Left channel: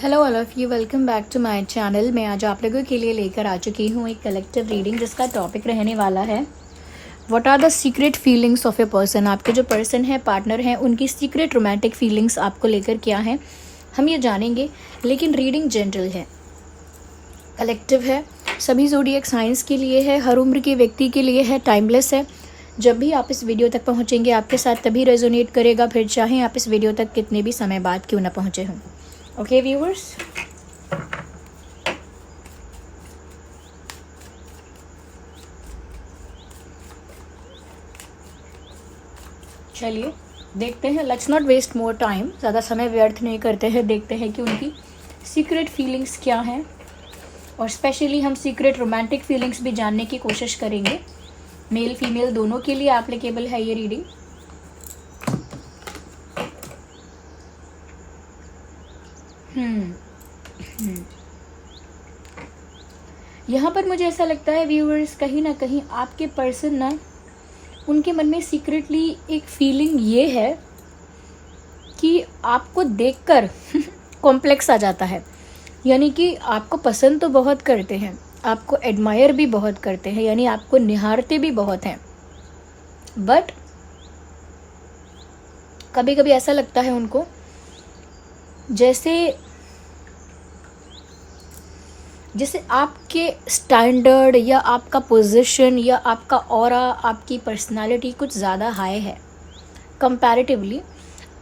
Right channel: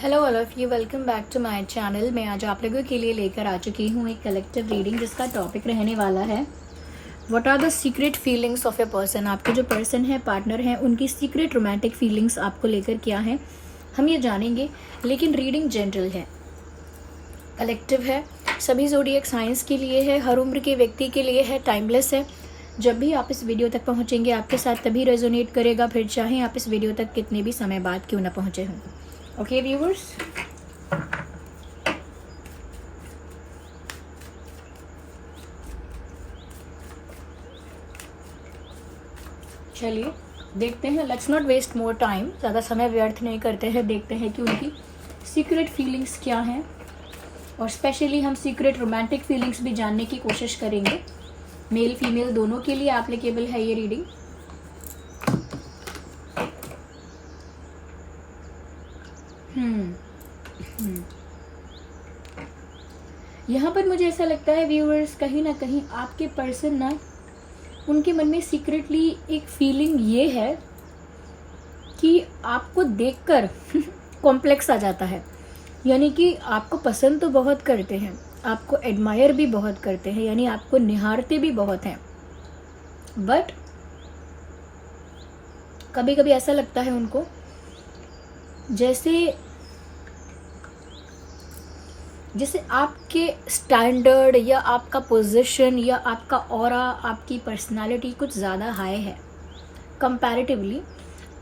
Hello all of you, welcome back to my channel. मैं आज आप लोगों के लिए लेकर आ चुकी हूँ एक कलेक्टिव रीडिंग जिसका टॉपिक रहने वाला है what are the secret feelings of a person. आपके जो पर्सन है, पार्टनर है, उनकी सीक्रेट रोमांटिक फीलिंग्स आपको लेकर क्या है हम ये जानेंगे। लेकिन रीडिंग जनरल है, कलेक्टिव है, सभी ज़ोडिएक साइंस के लिए है, हर उम्र के व्यक्ति के लिए है, टाइमलेस है। जब भी आप इस वीडियो तक पहुँचेंगे आपके साथ तभी रेजोनेट करेगा, फिर चाहे आप इस वीडियो तक कितने भी समय बाद क्यों ना पहुँचे हों। ओके व्यूअर्स, चलिए देखते हैं। Let's not waste more time, ज़्यादा समय व्यर्थ नहीं करते हैं। देखते हैं कि उनकी सीक्रेट फीलिंग्स क्या हैं, और स्पेशली हम सीक्रेट रोमांटिक फीलिंग्स भी जानने की कोशिश करेंगे। मेल फीमेल दोनों के लिए एप्लीकेबल है ये रीडिंग। यहाँ पर मुझे ऐसा लगता है व्यूअर्स, कहीं ना कहीं आपके पर्सन ना, उनके मन में सीक्रेटली एक फीलिंग ये है कि आपको देखकर कॉम्प्लेक्स आ जाता है। यानी कि आपको पसंद तो बहुत करते हैं, आपको एडमायर भी बहुत करते हैं, यानी आपको निहारते भी बहुत हैं, बट कभी कभी ऐसा लगता है उनको जैसे आपके स्टैंडर्ड या आपका पोजीशन या आपका ऑरा, आपकी पर्सनालिटी कुछ ज़्यादा हाई है कंपैरेटिवली।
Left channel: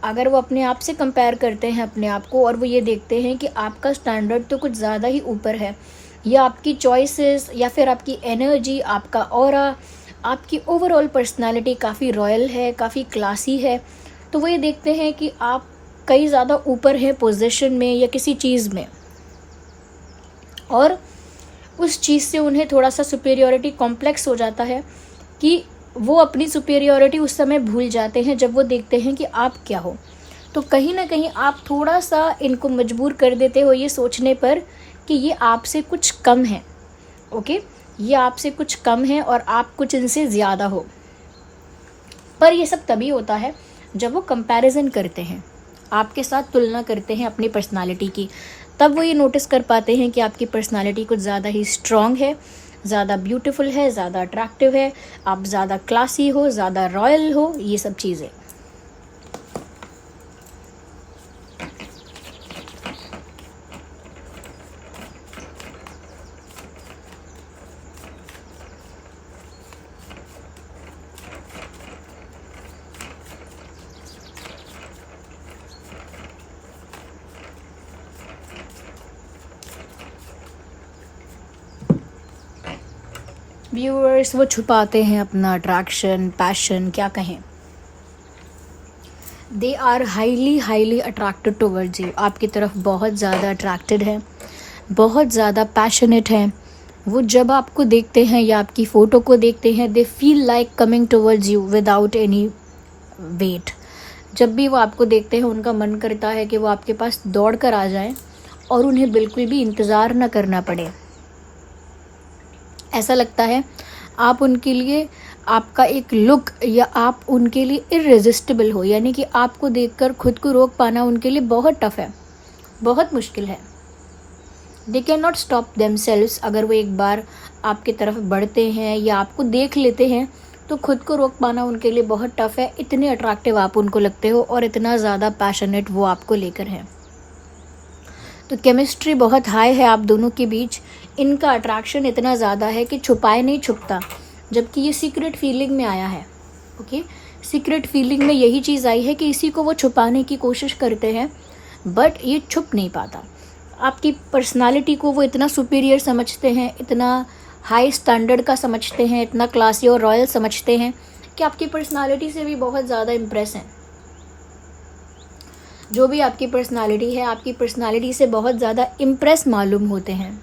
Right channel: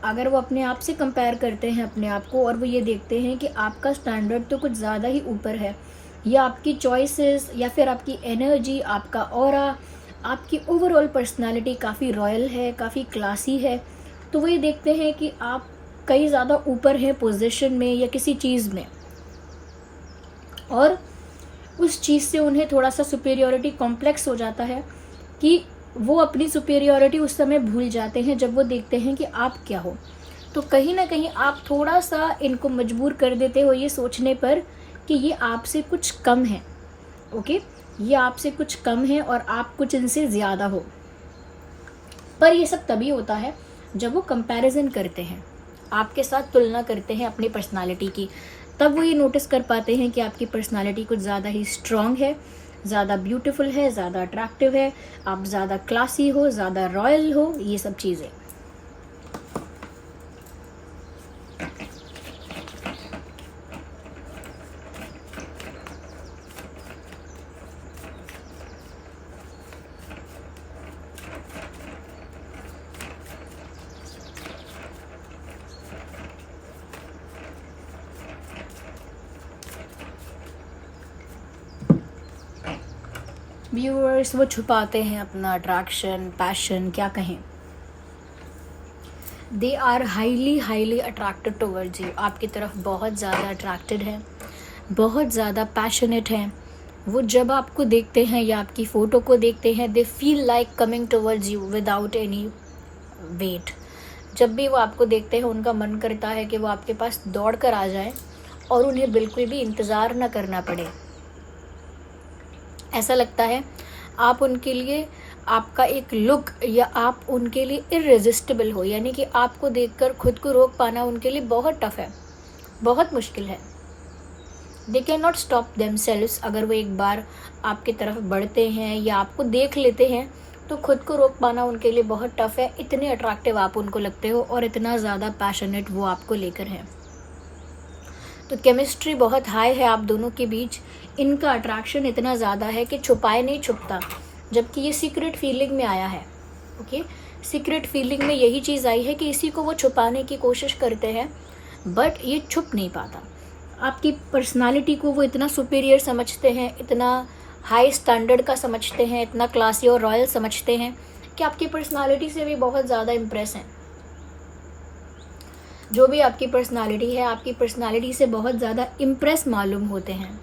अगर वो अपने आप से कंपेयर करते हैं अपने आप को, और वो ये देखते हैं कि आपका स्टैंडर्ड तो कुछ ज़्यादा ही ऊपर है, या आपकी चॉइसेस या फिर आपकी एनर्जी, आपका ऑरा, आपकी ओवरऑल पर्सनालिटी काफ़ी रॉयल है, काफ़ी क्लासी है, तो वो ये देखते हैं कि आप कई ज़्यादा ऊपर हैं पोजीशन में या किसी चीज़ में, और उस चीज़ से उन्हें थोड़ा सा सुपेरियोरिटी कॉम्प्लेक्स हो जाता है कि वो अपनी सुपेरियोरिटी उस समय भूल जाते हैं जब वो देखते हैं कि आप क्या हो। तो कहीं ना कहीं आप थोड़ा सा इनको मजबूर कर देते हो ये सोचने पर कि ये आपसे कुछ कम है। ओके, ये आपसे कुछ कम है और आप कुछ इनसे ज़्यादा हो। पर ये सब तभी होता है जब वो कंपैरिजन करते हैं, आपके साथ तुलना करते हैं अपनी पर्सनालिटी की। तब वो ये नोटिस कर पाते हैं कि आपकी पर्सनालिटी कुछ ज़्यादा ही स्ट्रॉन्ग है, ज़्यादा ब्यूटीफुल है, ज़्यादा अट्रैक्टिव है, आप ज़्यादा क्लासी हो, ज़्यादा रॉयल हो, ये सब चीज़ें। व्यूअर्स, वो छुपाते हैं अपना अट्रैक्शन, पैशन, क्या कहें। They are highly attracted towards you, आपकी तरफ बहुत ज़्यादा अट्रैक्टेड है, बहुत ज़्यादा पैशनेट हैं। वो जब आपको देखते हैं या आपकी फ़ोटो को देखते हैं, they feel like coming towards you without any wait. जब भी वो आपको देखते हैं उनका मन करता है कि वो आपके पास दौड़ कर आ जाएं और उन्हें बिल्कुल भी इंतज़ार ना करना पड़े। ऐसा लगता है आप उनके लिए, आपका एक लुक या आप उनके लिए इररेजिस्टिबल हो, यानी कि आपको देखकर खुद को रोक पाना उनके लिए बहुत टफ है, बहुत मुश्किल है। They can not stop themselves. अगर वो एक बार आपकी तरफ बढ़ते हैं या आपको देख लेते हैं तो खुद को रोक पाना उनके लिए बहुत टफ है। इतने अट्रैक्टिव आप उनको लगते हो और इतना ज़्यादा पैशनेट वो आपको लेकर हैं। तो केमिस्ट्री बहुत हाई है आप दोनों के बीच। इनका अट्रैक्शन इतना ज़्यादा है कि छुपाए नहीं छुपता, जबकि ये सीक्रेट फीलिंग में आया है। ओके, सीक्रेट फीलिंग में यही चीज़ आई है कि इसी को वो छुपाने की कोशिश करते हैं, बट ये छुप नहीं पाता। आपकी पर्सनालिटी को वो इतना सुपीरियर समझते हैं, इतना हाई स्टैंडर्ड का समझते हैं, इतना क्लासी और रॉयल समझते हैं कि आपकी पर्सनालिटी से भी बहुत ज़्यादा इम्प्रेस हैं। जो भी आपकी पर्सनालिटी है, आपकी पर्सनालिटी से बहुत ज़्यादा इम्प्रेस मालूम होते हैं।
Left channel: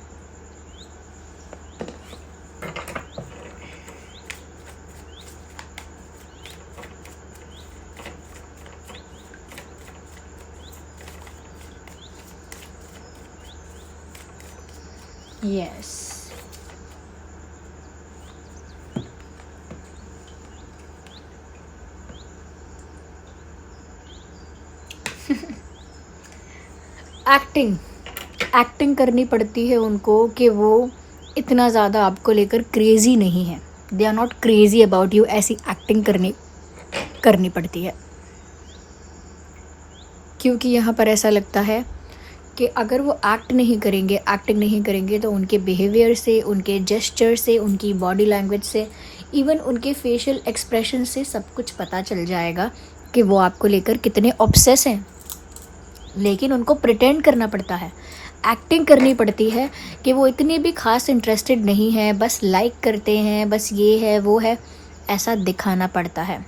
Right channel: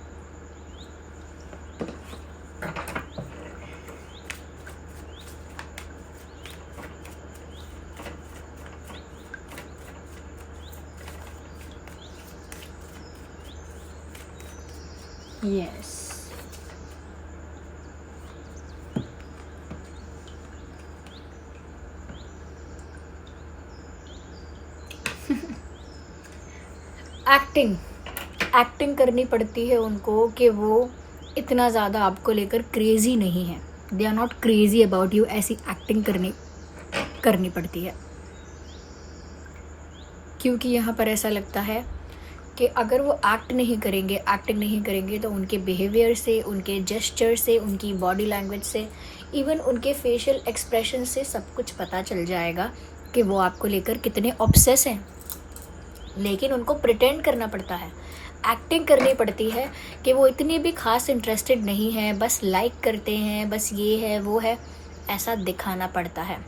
यस, एक्टिंग एक्टिंग करनी पड़ती है उनको कि वो इतना ज़्यादा आपको लेकर क्रेज़ी नहीं है, they are not crazy about you, ऐसी एक्टिंग करनी पड़ती है। क्योंकि यहाँ पर ऐसा लगता है कि अगर वो एक्टिंग नहीं करेंगे तो उनके बिहेवियर से, उनके जेस्चर से, उनकी बॉडी लैंग्वेज से, इवन उनके फेशियल एक्सप्रेशन से सब कुछ पता चल जाएगा कि वो आपको लेकर कितने ऑब्सेस हैं। लेकिन उनको प्रिटेंड करना पड़ता है, एक्टिंग करनी पड़ती है कि वो इतनी भी खास इंटरेस्टेड नहीं है, बस लाइक करते हैं, बस ये है वो है, ऐसा दिखाना पड़ता है।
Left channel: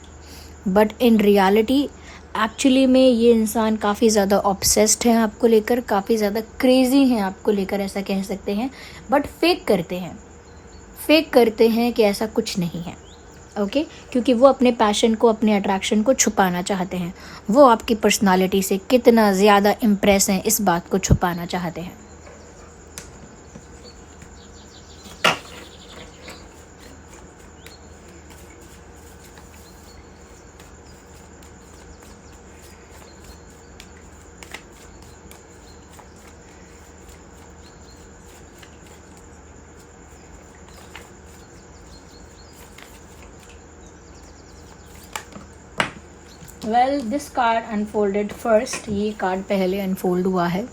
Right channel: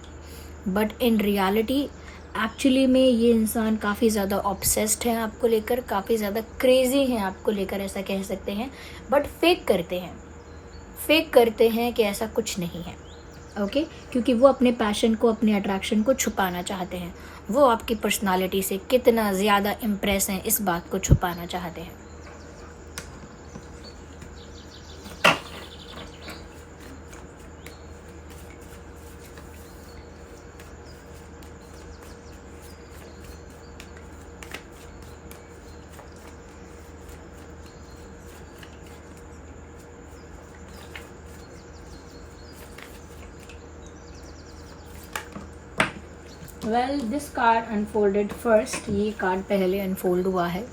बट इन रियलिटी एक्चुअली में ये इंसान काफ़ी ज़्यादा ऑब्सेस्ड है आपको लेकर, काफ़ी ज़्यादा क्रेज़ी हैं आपको लेकर, ऐसा कह सकते हैं। बट फेक करते हैं कि ऐसा कुछ नहीं है, ओके क्योंकि वो अपने पैशन को, अपने अट्रैक्शन को छुपाना चाहते हैं। वो आपकी पर्सनालिटी से कितना ज़्यादा इम्प्रेस हैं, इस बात को छुपाना चाहते हैं। Well this card unfolded first, ये कार्ड पहले अनफोल्ड हुआ है।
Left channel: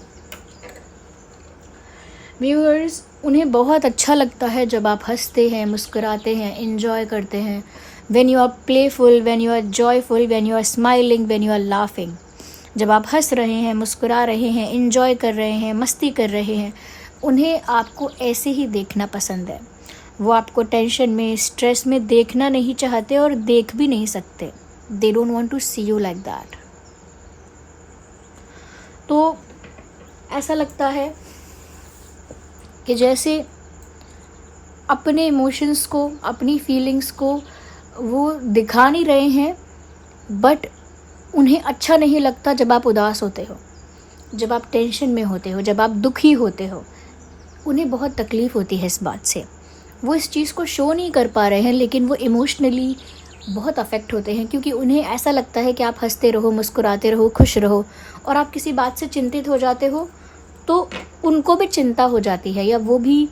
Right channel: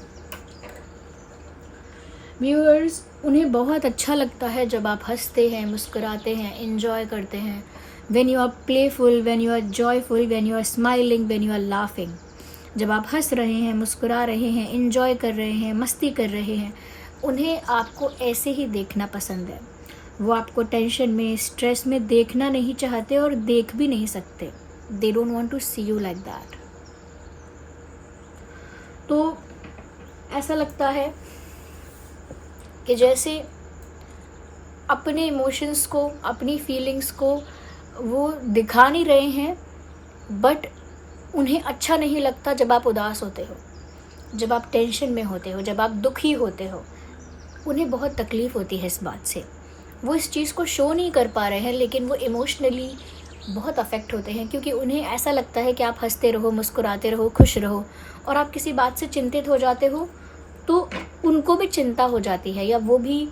व्यूअर्स, उन्हें बहुत अच्छा लगता है जब आप हंसते हैं, मुस्कुराते हैं, इंजॉय करते हैं। When you are playful, when you are joyful, when you are smiling, when you are laughing, जब आप हंस रहे हैं, मुस्कुरा रहे हैं, इंजॉय कर रहे हैं, मस्ती कर रहे हैं, उन्हें आपको ऐसे ही देखना पसंद है। वो आपको टेंशन में, स्ट्रेस में देखना नहीं चाहते और देख भी नहीं सकते। They don't want to see you like that. तो ऐसा लगता है कि जैसे अपने इमोशंस को, अपनी फीलिंग्स को वो दिखा नहीं रहे हैं, बट उन्हें अच्छा नहीं लगता जब आप उदास होते हो, जब आप टेंशन में होते हो, जब आप दुखी होते हो। उन्हें बहुत तकलीफ़ होती है इस बात से। वो इस चीज़ को शो नहीं कर पा रहे हैं, लेकिन वो इमोशनली बहुत अफेक्ट होते हैं, क्योंकि उन्हें ऐसा लगता है कि आप हंसते रहो, मुस्कुराते रहो, खुश रहो, और आप किसी बात से चिंतित हो जाते हो तो उनको भी चिंता हो जाती है, या वो भी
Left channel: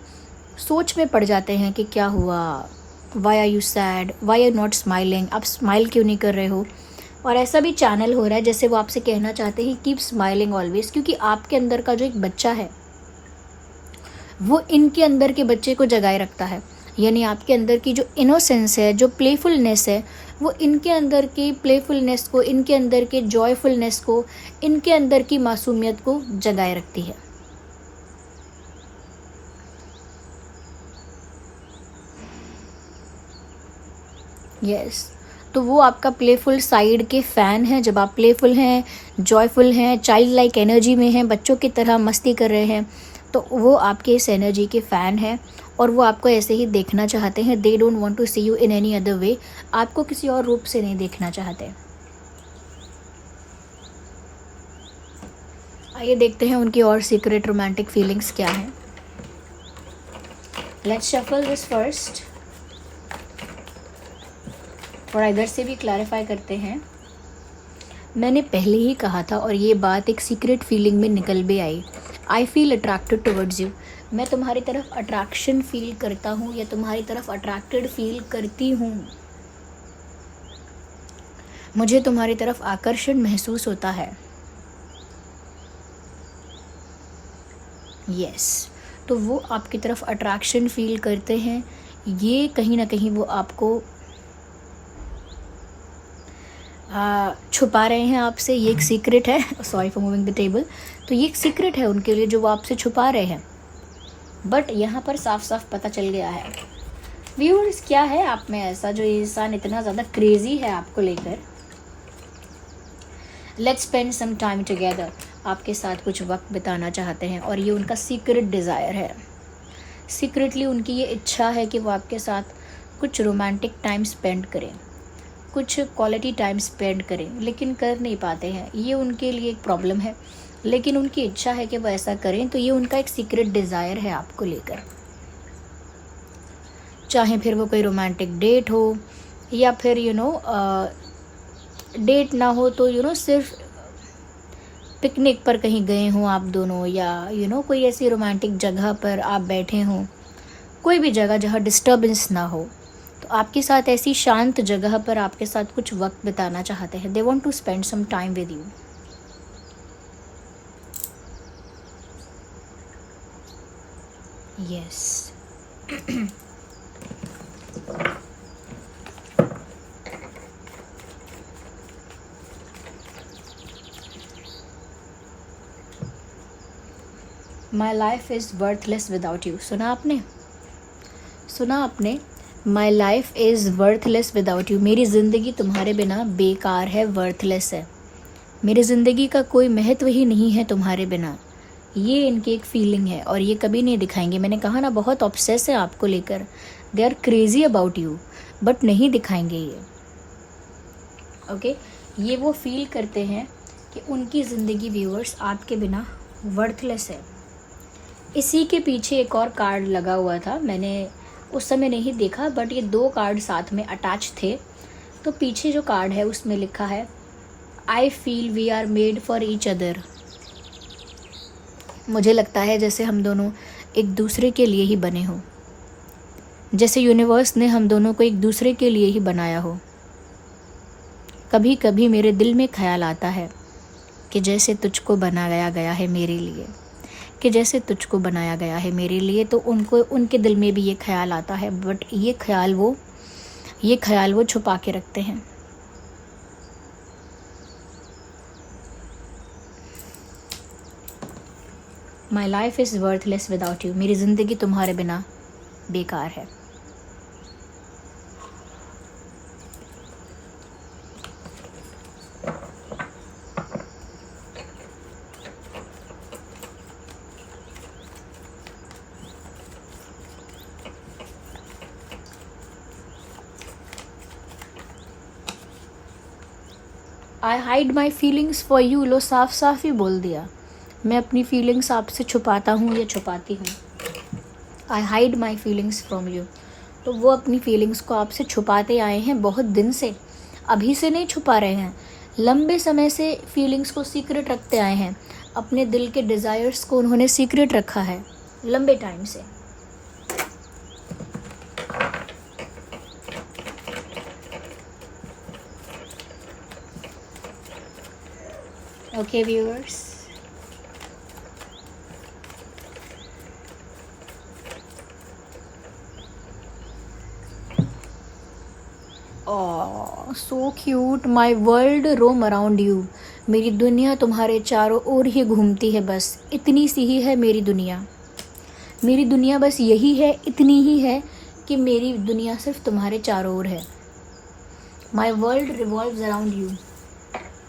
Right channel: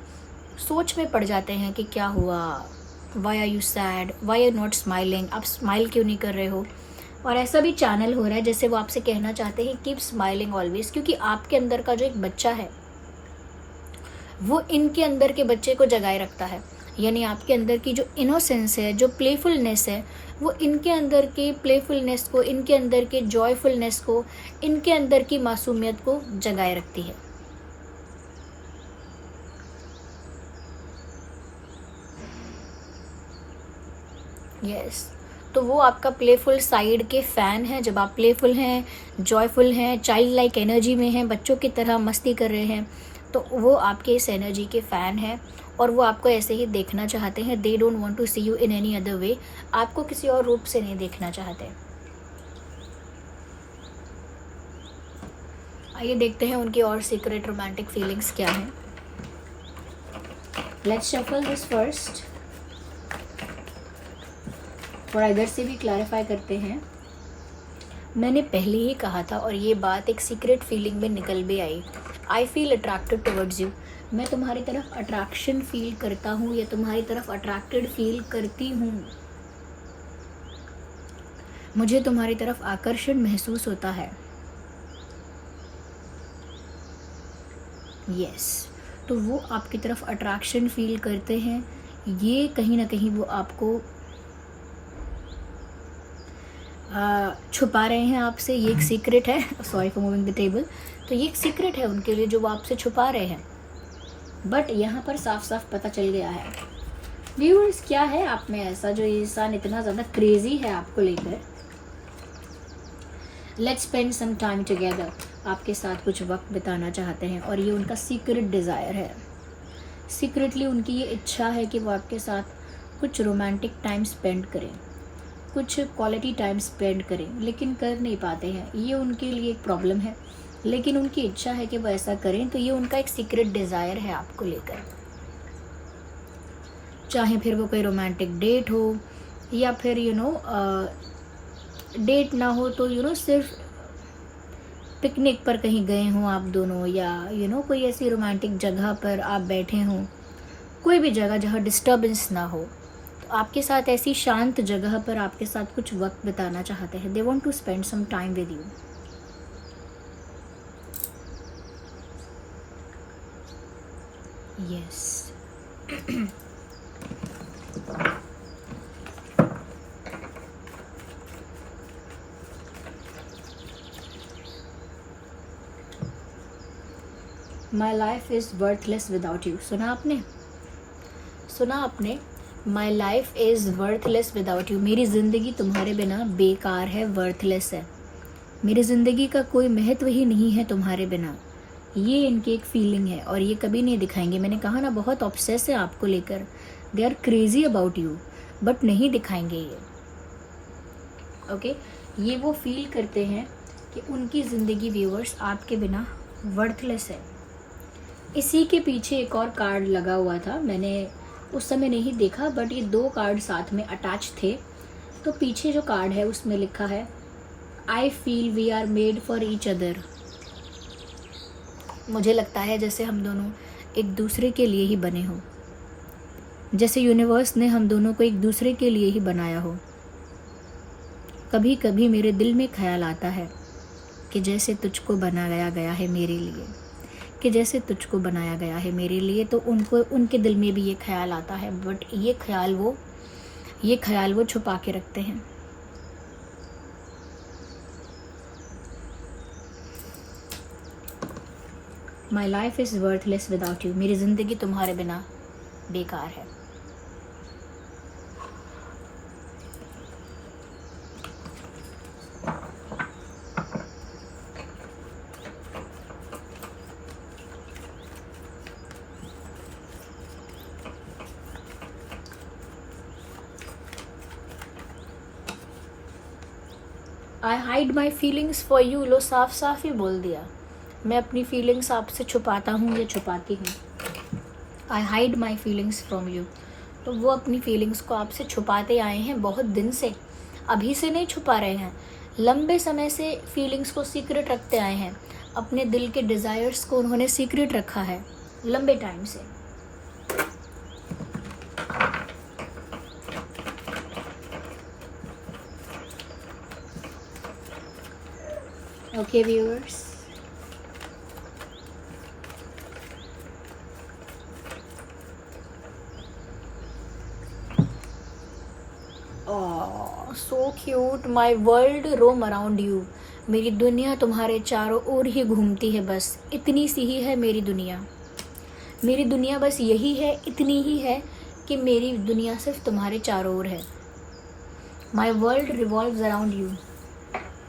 सोच में पड़ जाते हैं कि क्या हुआ, why are you sad, why are not smiling, आप स्माइल क्यों नहीं कर रहे हो। और ऐसा भी चैनल हो रहा है जैसे वो आपसे कहना चाहते हैं कीप स्माइलिंग ऑलवेज, क्योंकि आपके अंदर का जो एक बच्चा है वो इनके अंदर के बच्चे को जगाए रखता है। यानी आपके अंदर की जो इनोसेंस है, जो प्लेफुलनेस है, वो इनके अंदर के प्लेफुलनेस को, इनके अंदर के जॉयफुलनेस को, इनके अंदर की मासूमियत को जगाए रखती है। यस, तो वो आपका प्लेफुल साइड के फ़ैन हैं। जब आप प्लेफुल हैं, जॉयफुल हैं, चाइल्ड लाइक एनर्जी में हैं, बच्चों की तरह मस्ती कर रहे हैं, तो वो आपके इस एनर्जी के फ़ैन हैं और वो आपको ऐसे ही देखना चाहते हैं। They don't want to see you in any other way, आपको किसी और रूप से नहीं देखना चाहते। आइए देखते हैं उनकी और सीक्रेट रोमांटिक फीलिंग्स क्या हैं। लेट्स शफल दिस फर्स्ट, और इधर से भी क्लैरिफाई करते हैं। मैंने पहले ही कहा था और ये बात एक सीक्रेट फीलिंग में निकल भी आई। I feel attracted towards you, मैं तुम्हारी तरफ अट्रैक्शन फील करता हूँ या तुम्हारी तरफ अट्रैक्टेड फील करती हूँ। मुझे तुम्हारी तरफ आकर्षण महसूस होता है। यस, तो वो आपकी तरफ अट्रैक्शन फील करते हैं। ये कहीं ना कहीं वो आपको छुपा रहे हैं आपसे। ये एक सीक्रेट है, sorry for moving the table. तो ये एक सीक्रेट है उनके लिए जो वो आपसे छुपा रहे हैं, बट यहाँ पर साफ साफ पता चल गया है। व्यूअर्स, क्या है आप में ऐसा जो इंसान इतना ज़्यादा क्रेजी है आपको लेकर। Let's spend some time together, आपके साथ कुछ वक्त बिताना चाहते हैं और ये उनका सीक्रेट डिज़ायर है। सीक्रेटली उनकी ये इच्छा है कि वो आपके साथ कुछ रोमांटिक टाइम स्पेंड करें, कुछ क्वालिटी टाइम स्पेंड करें, लेकिन कर नहीं पाते हैं। ये उनके लिए एक प्रॉब्लम है, लेकिन उनकी इच्छा है कि वो ऐसा करें। तो ये उनका एक सीक्रेट डिज़ायर है आपको लेकर। चाहे फिर वो कोई रोमांटिक डेट हो या फिर डेट ना हो तो सिर्फ पिकनिक पर कहीं गए हों आप दोनों, या कोई ऐसी रोमांटिक जगह पर आप बैठे हों, कोई भी जगह जहाँ डिस्टर्बेंस ना हो, तो आपके साथ ऐसी शांत जगह पर आपके साथ कुछ वक्त बिताना चाहते हैं। They want to spend some time with you. Yes. My life is worthless without you. सुना आपने? My life is worthless without you. मेरी ज़िंदगी तुम्हारे बिना बेकार है, वर्थलेस है। मेरी ज़िंदगी का कोई महत्व ही नहीं है तुम्हारे बिना। ये इनकी एक फीलिंग है और ये कभी नहीं दिखाएंगे। मैंने कहा ना, बहुत ऑब्सेस है आपको लेकर। They are crazy about you, but नहीं दिखाएंगे ये। ओके, ये वो फील करते हैं कि उनकी ज़िंदगी व्यूअर्स आपके बिना वर्थलेस है। इसी के पीछे एक और कार्ड लगा हुआ था, मैंने उस समय नहीं देखा, बट ये 2 कार्ड साथ में अटैच थे। तो पीछे जो कार्ड है उसमें लिखा है, I feel we are made for each other. मुझे लगता है जैसे हम दोनों एक दूसरे के लिए ही बने हों, जैसे यूनिवर्स ने हम दोनों को एक दूसरे के लिए ही बनाया हो। कभी कभी मेरे दिल में ख्याल आता है कि जैसे तुझको बनाया गया है मेरे लिए, कि जैसे तुझको बनाया गया है मेरे लिए, तो उनके दिल में भी ये ख्याल आता है, बट ये ख्याल वो छुपा के रखते हैं। My life is worthless without you. मेरी ज़िंदगी तुम्हारे बिना बेकार है। I hide my feelings for you. लो, साफ साफ ही बोल दिया, मैं अपनी फीलिंग्स आपसे छुपाता हूँ या छुपाती हूँ। आई hide my feelings from you. तो वो अपनी फीलिंग्स को आपसे छुपाते आए हैं बहुत दिन से, अभी से नहीं छुपा रहे हैं, लंबे समय से फीलिंग्स को सीक्रेट रखते आए हैं। अपने दिल के डिज़ायर्स को उन्होंने सीक्रेट रखा है लंबे टाइम से। Okay viewers, so cute. My world roam around you. मेरी दुनिया तुम्हारे चारों ओर ही घूमती है, बस इतनी सी ही है मेरी दुनिया। मेरी दुनिया बस यही है, इतनी ही है कि मेरी दुनिया सिर्फ तुम्हारे चारों ओर है। My world revolves around you.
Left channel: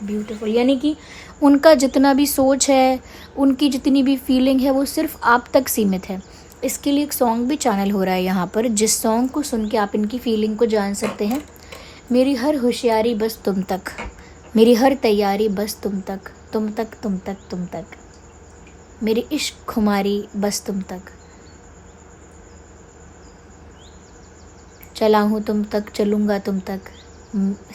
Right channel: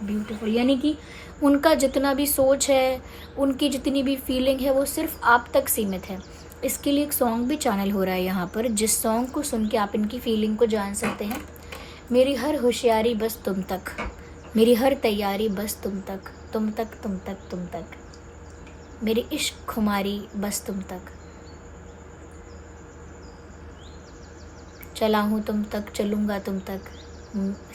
Beautiful. यानी कि उनका जितना भी सोच है, उनकी जितनी भी फीलिंग है, वो सिर्फ आप तक सीमित है। इसके लिए एक सॉन्ग भी चैनल हो रहा है यहाँ पर, जिस सॉन्ग को सुन के आप इनकी फीलिंग को जान सकते हैं। मेरी हर होशियारी बस तुम तक, मेरी हर तैयारी बस तुम तक, तुम तक तुम तक तुम तक, मेरी इश्क खुमारी बस तुम तक, चला हूँ तुम तक, चलूँगा तुम तक,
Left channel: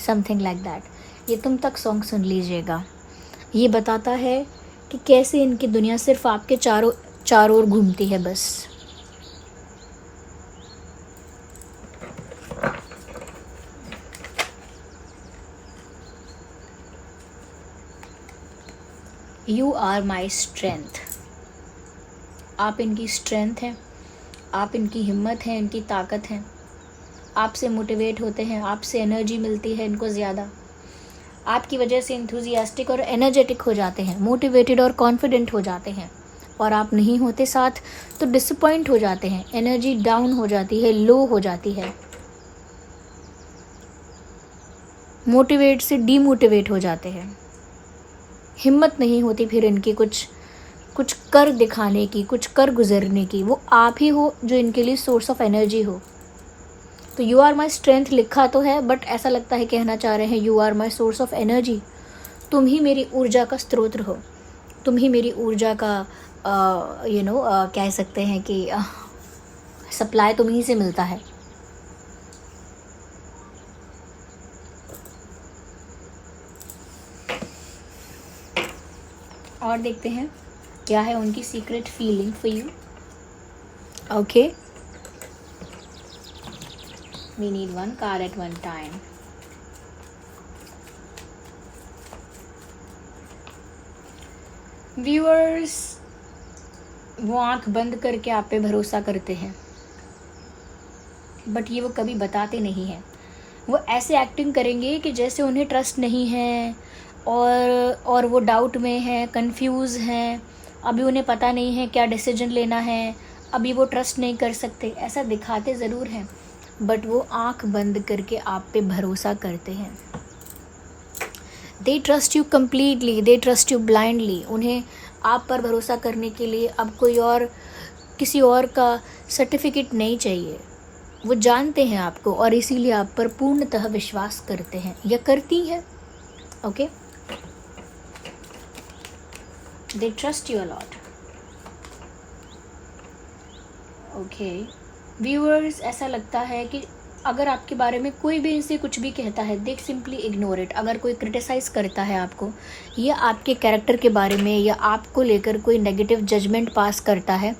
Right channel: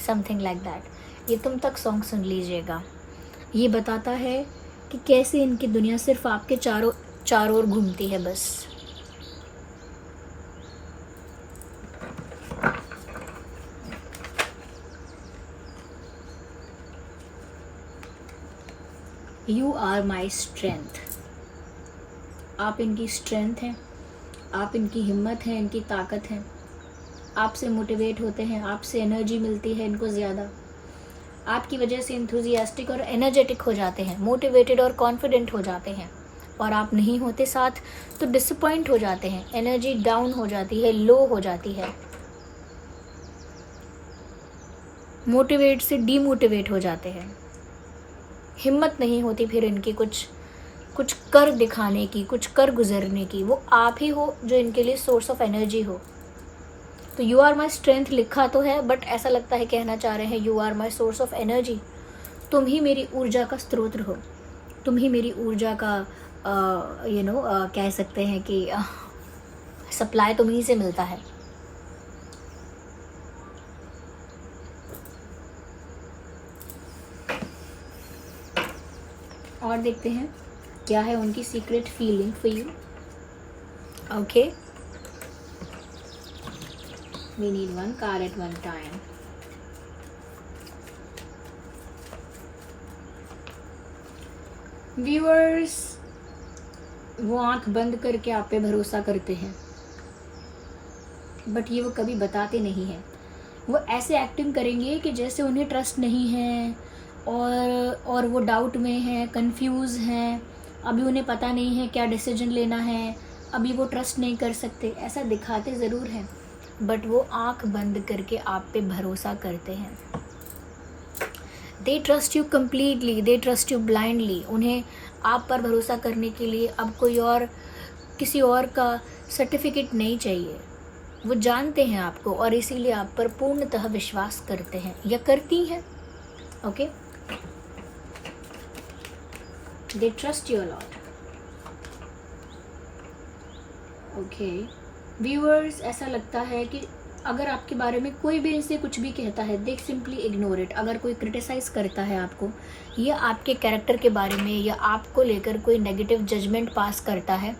समथिंग लाइक दैट। ये तुम तक सॉन्ग सुन लीजिएगा। ये बताता है कि कैसे इनकी दुनिया सिर्फ आपके चारों ओर घूमती है बस। You are my strength. आप इनकी स्ट्रेंथ हैं, आप इनकी हिम्मत हैं, इनकी ताकत हैं। आपसे मोटिवेट होते हैं, आपसे एनर्जी मिलती है इनको ज़्यादा। आपकी वजह से एंथुजियास्टिक और एनर्जेटिक हो जाते हैं, मोटिवेटेड और कॉन्फिडेंट हो जाते हैं। और आप नहीं होते साथ तो डिसअपॉइंट हो जाते हैं, एनर्जी डाउन हो जाती है, लो हो जाती है, मोटिवेट से डीमोटिवेट हो जाते हैं। हिम्मत नहीं होती फिर इनकी कुछ कर दिखाने की, कुछ कर गुजरने की। वो आप ही हो जो इनके लिए सोर्स ऑफ एनर्जी हो। तो यू आर माई स्ट्रेंथ लिखा तो है, बट ऐसा लगता है कहना चाह रहे हैं you are my source of energy. तुम ही मेरी ऊर्जा का स्रोत हो, तुम ही मेरी ऊर्जा का कह सकते हैं कि सप्लाई तुम ही से मिलता है। और देखते हैं क्या है उनकी secret feeling for you. Okay, we need one card at one time. Viewers, वो आंख बंद करके आप पे भरोसा करते हैं, बट ये वो कभी बताते नहीं हैं. वो ऐसे एक्टिंग करेंगे कि जैसे उन्हें ट्रस्ट नहीं है और वो डाउट में हैं, कंफ्यूज हैं, अभी उन्हें पता नहीं है क्या डिसीजन लेना है, अभी वो ट्रस्ट नहीं कर सकते. ऐसा दिखाते ज़रूर हैं, बट वो आंख बंद करके आप पे भरोसा करते हैं. They trust you completely, they trust you blindly. उन्हें आप पर भरोसा करने के लिए अब कोई और, किसी और का सर्टिफिकेट नहीं चाहिए. वो जानते हैं आपको और इसीलिए आप पर पूर्णतः विश्वास करते हैं या करती हैं. Okay, they trust you a lot. Okay viewers, ऐसा लगता है कि अगर आपके बारे में कोई भी इनसे कुछ भी कहता है, दे सिंपली इग्नोर इट. अगर कोई क्रिटिसाइज करता है आपको या आपके कैरेक्टर के बारे में या आपको लेकर कोई नेगेटिव जजमेंट पास करता है,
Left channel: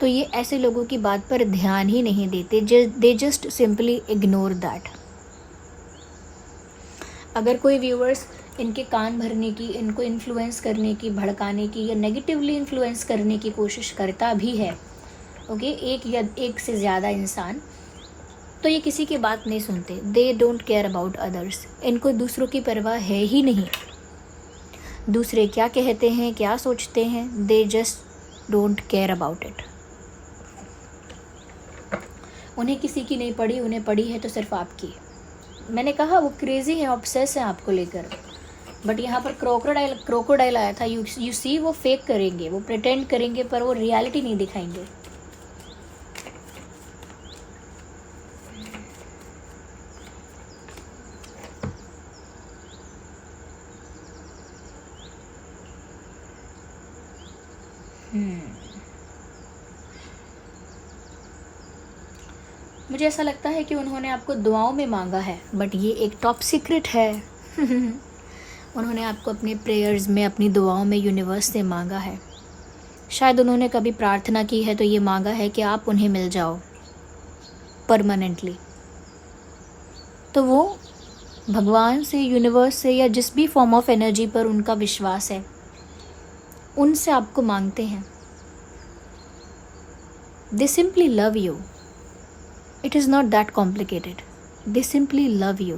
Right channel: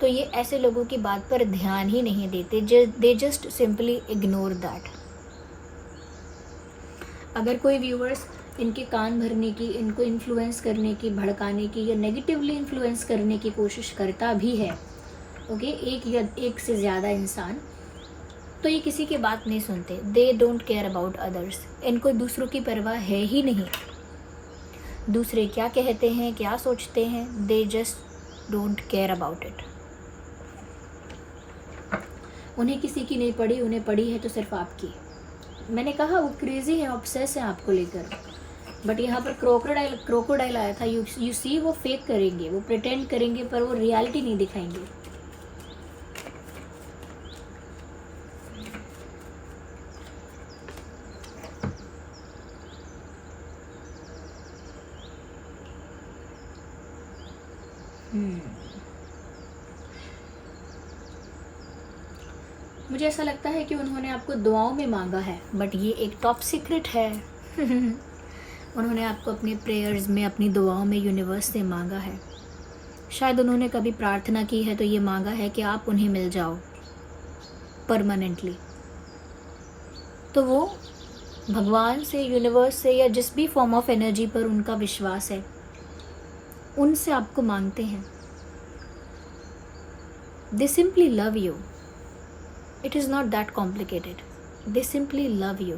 तो ये ऐसे लोगों की बात पर ध्यान ही नहीं देते. They just simply ignore that. अगर कोई व्यूअर्स इनके कान भरने की, इनको इन्फ्लुएंस करने की, भड़काने की या नेगेटिवली इन्फ्लुएंस करने की कोशिश करता भी है, ओके, एक या एक से ज़्यादा इंसान, तो ये किसी की बात नहीं सुनते. They don't care about others. इनको दूसरों की परवाह है ही नहीं. दूसरे क्या कहते हैं, क्या सोचते हैं, they just don't care about it. उन्हें किसी की नहीं पड़ी, उन्हें पड़ी है तो सिर्फ आपकी. मैंने कहा वो क्रेजी है, ऑब्सेस है आपको लेकर. बट यहाँ पर क्रोकोडाइल आया था. यू सी, वो फेक करेंगे, वो प्रिटेंड करेंगे, पर वो रियलिटी नहीं दिखाएंगे. मुझे ऐसा लगता है कि उन्होंने आपको दुआओं में मांगा है, बट ये एक टॉप सीक्रेट है. उन्होंने आपको अपने प्रेयर्स में, अपनी दुआओं में यूनिवर्स से मांगा है. शायद उन्होंने कभी प्रार्थना की है तो ये मांगा है कि आप उन्हें मिल जाओ परमानेंटली. तो वो भगवान से, यूनिवर्स से या जिस भी फॉर्म ऑफ एनर्जी पर उनका विश्वास है, उनसे आपको मांगते हैं. दे simply love you. It is not that complicated. They simply love you.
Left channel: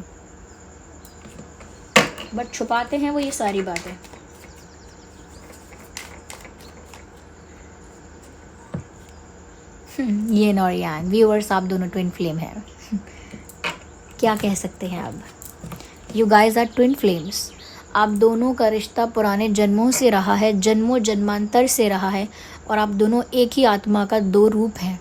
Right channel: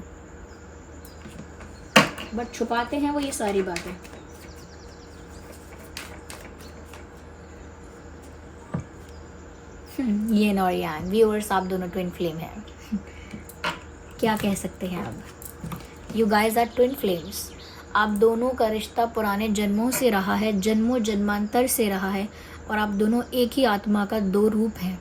But छुपाते हैं वो ये सारी बातें. ये और यांग व्यूअर्स, आप दोनों ट्विन फ्लेम हैं. क्या कह सकते हैं अब. You guys are twin flames. आप दोनों का रिश्ता पुराने जन्मों से रहा है, जन्मों जन्मांतर से रहा है, और आप दोनों एक ही आत्मा का दो रूप हैं.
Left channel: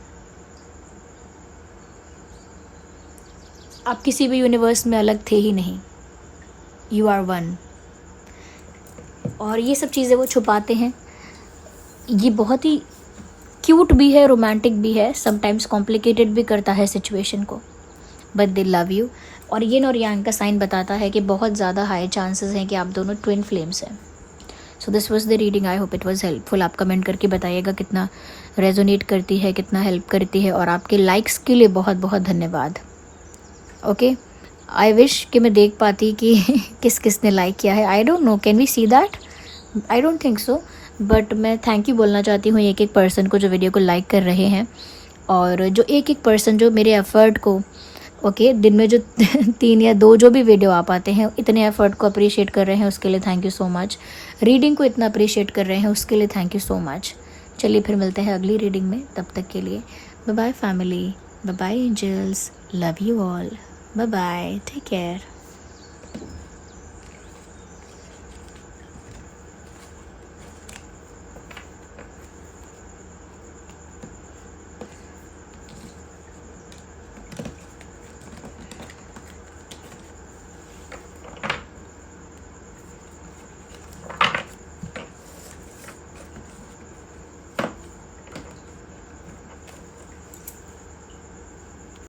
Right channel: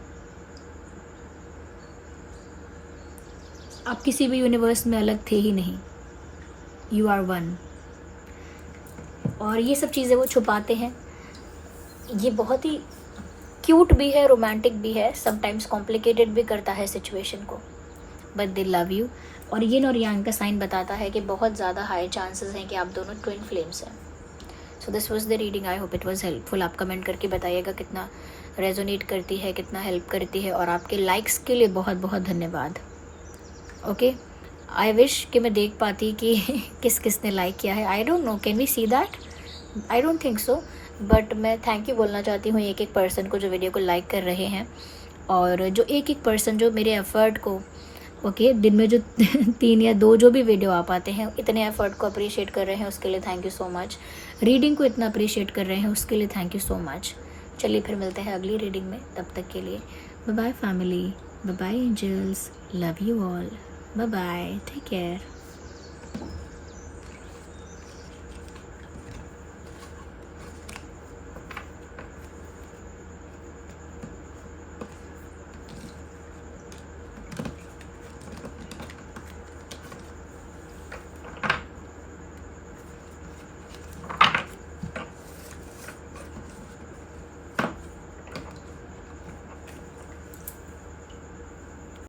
आप किसी भी यूनिवर्स में अलग थे ही नहीं. You are one. और ये सब चीज़ें वो छुपाते हैं. ये बहुत ही क्यूट भी है, रोमांटिक भी है, समटाइम्स कॉम्प्लिकेटेड भी करता है सिचुएशन को, बट दे लव यू. और ये और यांग का साइन बताता है कि बहुत ज़्यादा हाई चांसेस हैं कि आप दोनों ट्विन फ्लेम्स हैं. So this was the reading. I hope it was helpful. आप कमेंट करके बताइएगा कितना रेजोनेट करती है, कितना हेल्प करती है. और आपके लाइक्स के लिए बहुत बहुत धन्यवाद. ओके, आई विश कि मैं देख पाती कि किस किस ने लाइक किया है. I don't know, can we see that? I don't think so. But मैं थैंक यू बोलना चाहती हूँ एक एक पर्सन को जो वीडियो को लाइक कर रहे हैं, और जो एक एक पर्सन जो मेरे एफ़र्ट को, ओके, दिन में जो 3 या 2 जो भी वीडियो आ पाते हैं, इतने एफ़र्ट को अप्रिशिएट कर रहे हैं, उसके लिए thank you so much. Reading को इतना अप्रिशिएट कर रहे हैं, उसके लिए थैंक यू सो मच. चलिए फिर मिलते हैं अगली रीडिंग में. तब तक के लिए bye bye family, bye bye angels, love you all, bye bye, take care.